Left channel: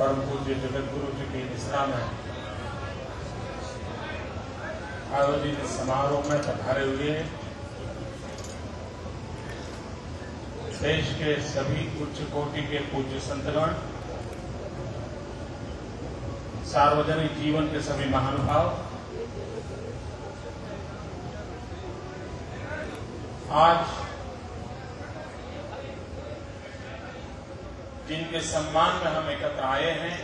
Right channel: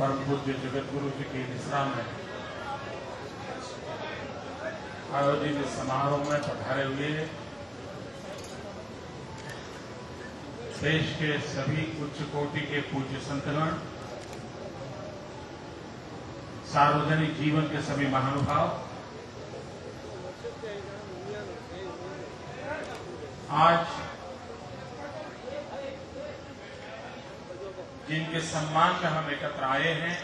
परम पूज्य जगत गुरु जी की निश्रा में आयोजित समारोह में पधारे हुए देश के सभी उच्च कोटि के पूज्य संतगण, सार्वजनिक जीवन के सभी महानुभाव, आज जिनके सम्मान में हम एकत्र आए हैं,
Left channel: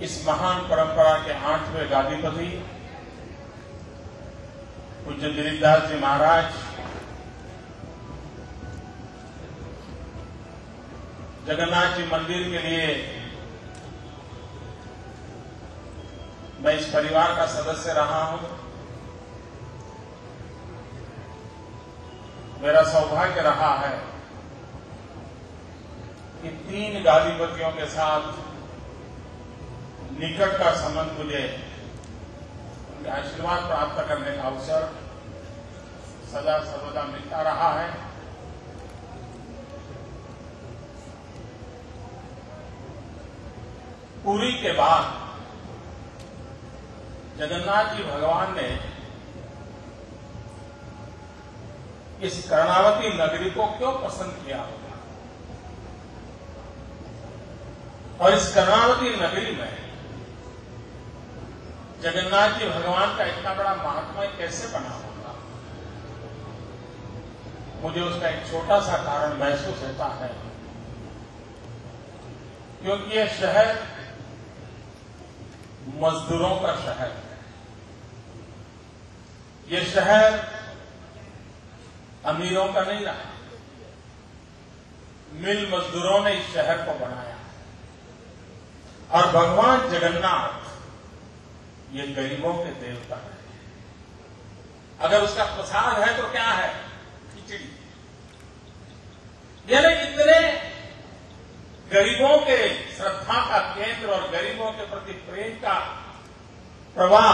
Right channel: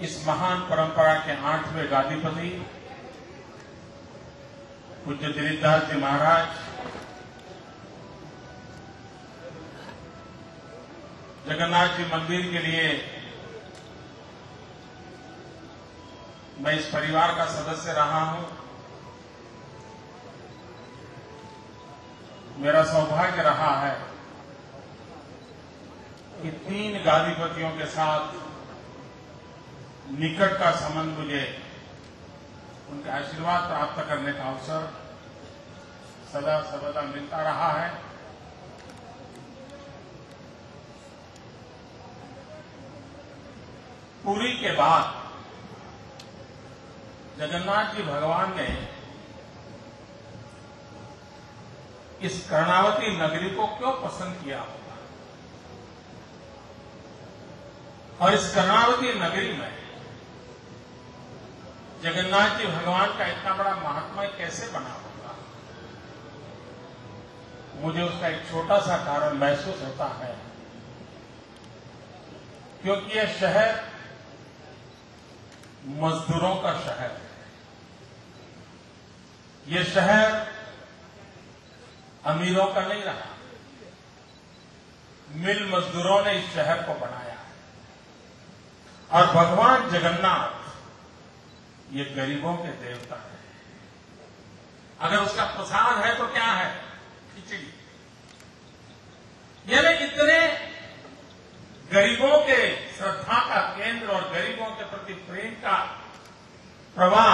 इस महान परंपरा के 8वें गादीपति पूज्य दिलीप दास जी महाराज, जगन्नाथ जी मंदिर के लिए मैं इस परिवार का सदस्य रहा हूं। मेरा सौभाग्य रहा है कि 3 गादीपतियों के साथ निकट का संबंध मुझे उनके आशीर्वाद प्राप्त करने का अवसर सदा सर्वदा मिलता रहा है। पुरी के बाद जगन्नाथ जी भगवान ने इस कर्णावती नगरी को क्यों पसंद किया होगा, और इस कर्णावती नगरी में जगन्नाथ जी भगवान का इतना बड़ा महात्मा कैसे बना होगा, मुझे उसका एक छोटा सा कारण महसूस होता है। क्योंकि यह शहर मजदूरों का शहर है। यह शहर अमीरों का नहीं रहा। मिल मजदूरों ने इस शहर को बनाया और भगवान जगन्नाथ ये गरीबों के देवता है। अगर उसका प्रसाद है तो क्या है? खिचड़ी। यानी इतने गरीबों के श्रद्धा का केंद्र और गरीबों के प्रति प्रेम का प्रवाह,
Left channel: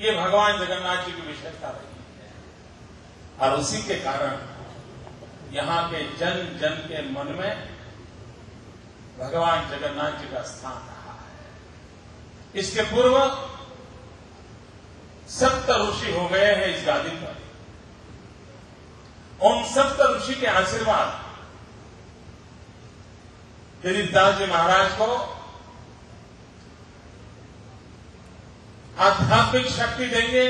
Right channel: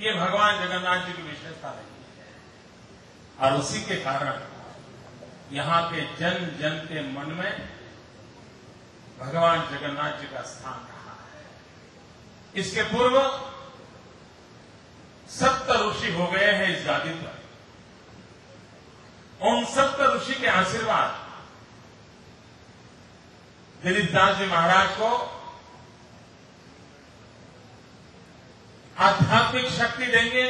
ये भगवान जगन्नाथ जी की विशेषता रही है। और उसी के कारण यहां के जन जन के मन में भगवान जगन्नाथ जी का स्थान रहा है। इसके पूर्व 7 ऋषि हो गए हैं इस गादी पर। उन 7 ऋषि के आशीर्वाद दिलीप दास जी महाराज को आध्यात्मिक शक्ति देंगे,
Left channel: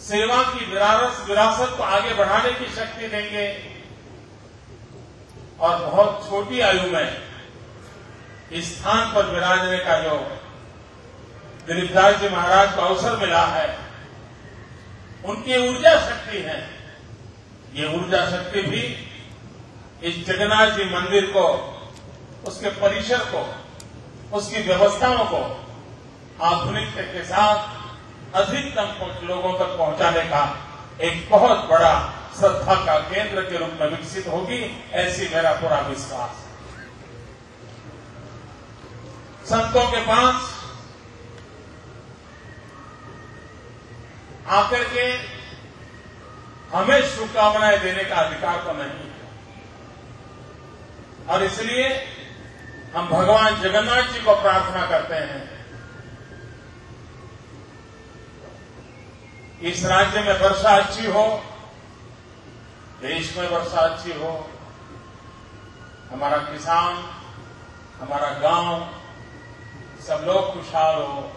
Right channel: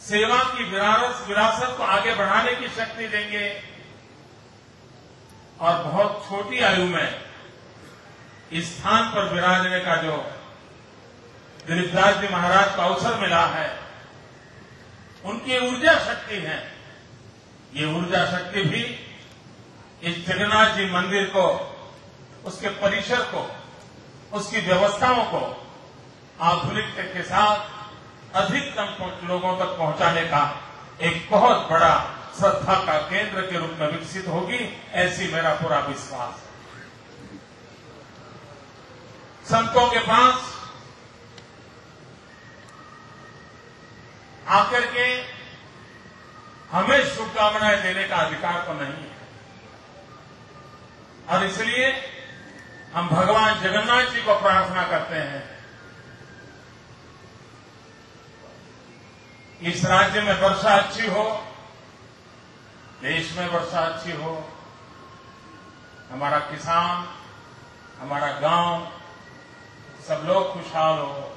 सेवा की विरासत को आगे बढ़ाने की शक्ति देंगे, और बहुत छोटी आयु में इस स्थान पर विराजने का जो दिलीप दास जी महाराज को अवसर मिला है, उनकी ऊर्जा शक्ति है। ये ऊर्जा शक्ति भी इस जगन्नाथ जी मंदिर को, उसके परिसर को, उसकी व्यवस्थाओं को आधुनिकता के साथ अधिकतम लोगों तक पहुंचाने का एक बहुत बड़ा श्रद्धा का केंद्र के रूप में विकसित होगी, ऐसी मेरा पूरा विश्वास है। संतों के पास आकर के हमें शुभकामनाएं देने का अधिकार तो नहीं है, और इसलिए हम भगवान जगन्नाथ जी को प्रार्थना करते हैं, इस राज्य में वर्षा अच्छी हो, देश में वर्षा अच्छी हो, हमारा किसान, हमारा गांव, सब लोग खुशहाल हो।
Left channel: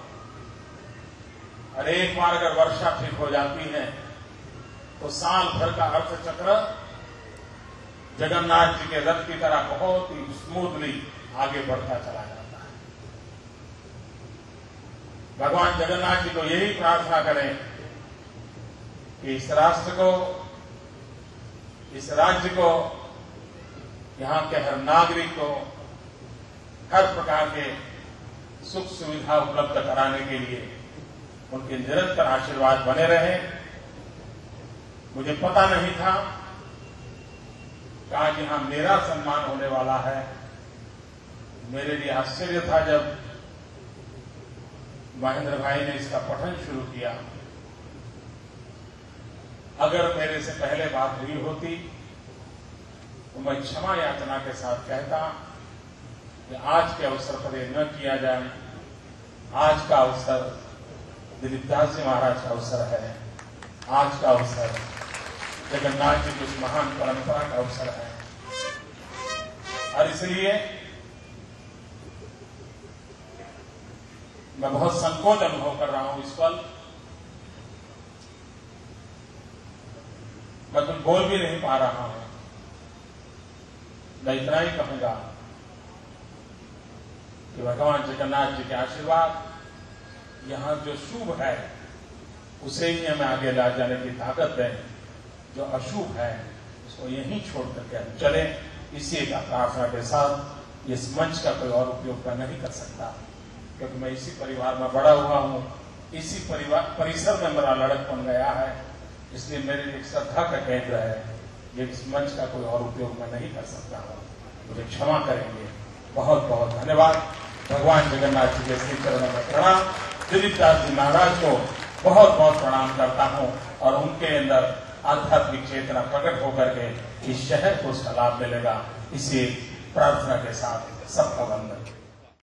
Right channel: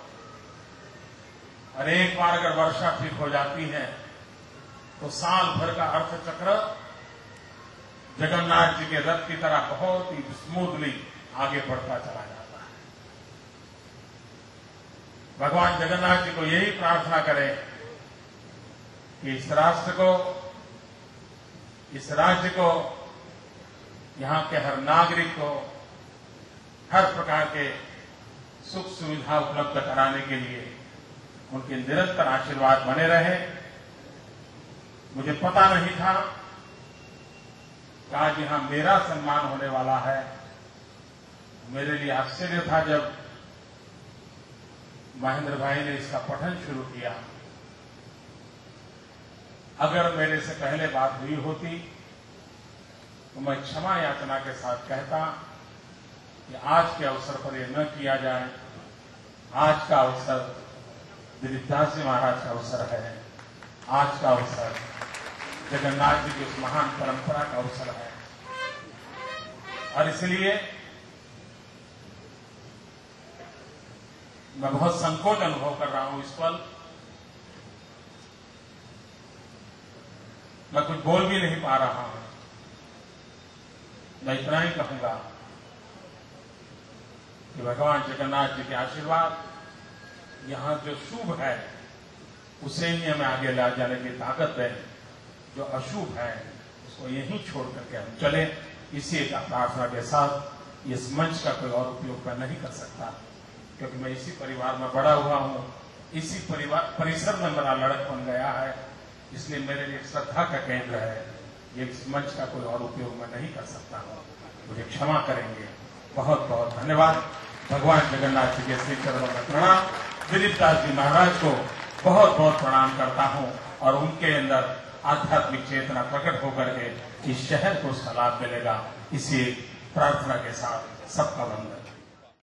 और एक बार अगर वर्षा ठीक हो जाती है तो साल भर का अर्थचक्र जगन्नाथ जी के रथ की तरह बहुत ही स्मूथली आगे बढ़ता चला जाता है। भगवान जगन्नाथ जी को यही प्रार्थना करें कि इस राष्ट्र को, इस राज्य को, यहां के हर नागरिक को हर प्रकार के सुख सुविधा उपलब्ध कराने के लिए उनके निरंतर आशीर्वाद बने रहे। मुझे पता नहीं था कि आज यहां मेरा सम्मान होने वाला है। मेरे लिए आश्चर्य था जब महेंद्र भाई ने इसका पठन शुरू किया। अगर मेरे से पहले बात हुई होती तो तो मैं क्षमा याचना के साथ कहता कि आज के अवसर पर यह न किया जाए। आज का अवसर दिलीप दास जी महाराज का अवसर है। आज का अवसर जगन्नाथ जी की उस महान परंपरा का अवसर है और इसलिए मैं बहुत संकोच अनुभव कर रहा हूं इस पल। मैं कुछ बोल भी नहीं पा रहा हूं। मैं इतना ही कहूंगा कि भगवान जगन्नाथ जी के आशीर्वाद यहां जो शुभ है उसे ही हमें आगे ला जाने की ताकत दें। जो अशुभ है उसको यहीं छोड़ करके हम चलें। इसी एक प्रार्थना के साथ इस मंच का कोई और उपयोग मैं नहीं कर सकता, क्योंकि मैं इसी परिवार में बड़ा हुआ हूं। इसी परिसर में मेरा लड़कपन गया है, इसलिए मेरे लिए श्रद्धा का केंद्र है। ये इस मंच का कोई और उपयोग मैं नहीं कर सकता हूं, मुझे क्षमा करेंगे। बहुत बहुत धन्यवाद। भगवान जगन्नाथ जी के श्री चरणों में प्रणाम। दिलीप दास जी महाराज को बहुत बहुत प्रणाम करता हूं और उनके अंदर आध्यात्मिक चेतना प्रकट होकर के इस शहर को उसका लाभ मिलेगा। इसी प्रार्थना के साथ सबका वंदन।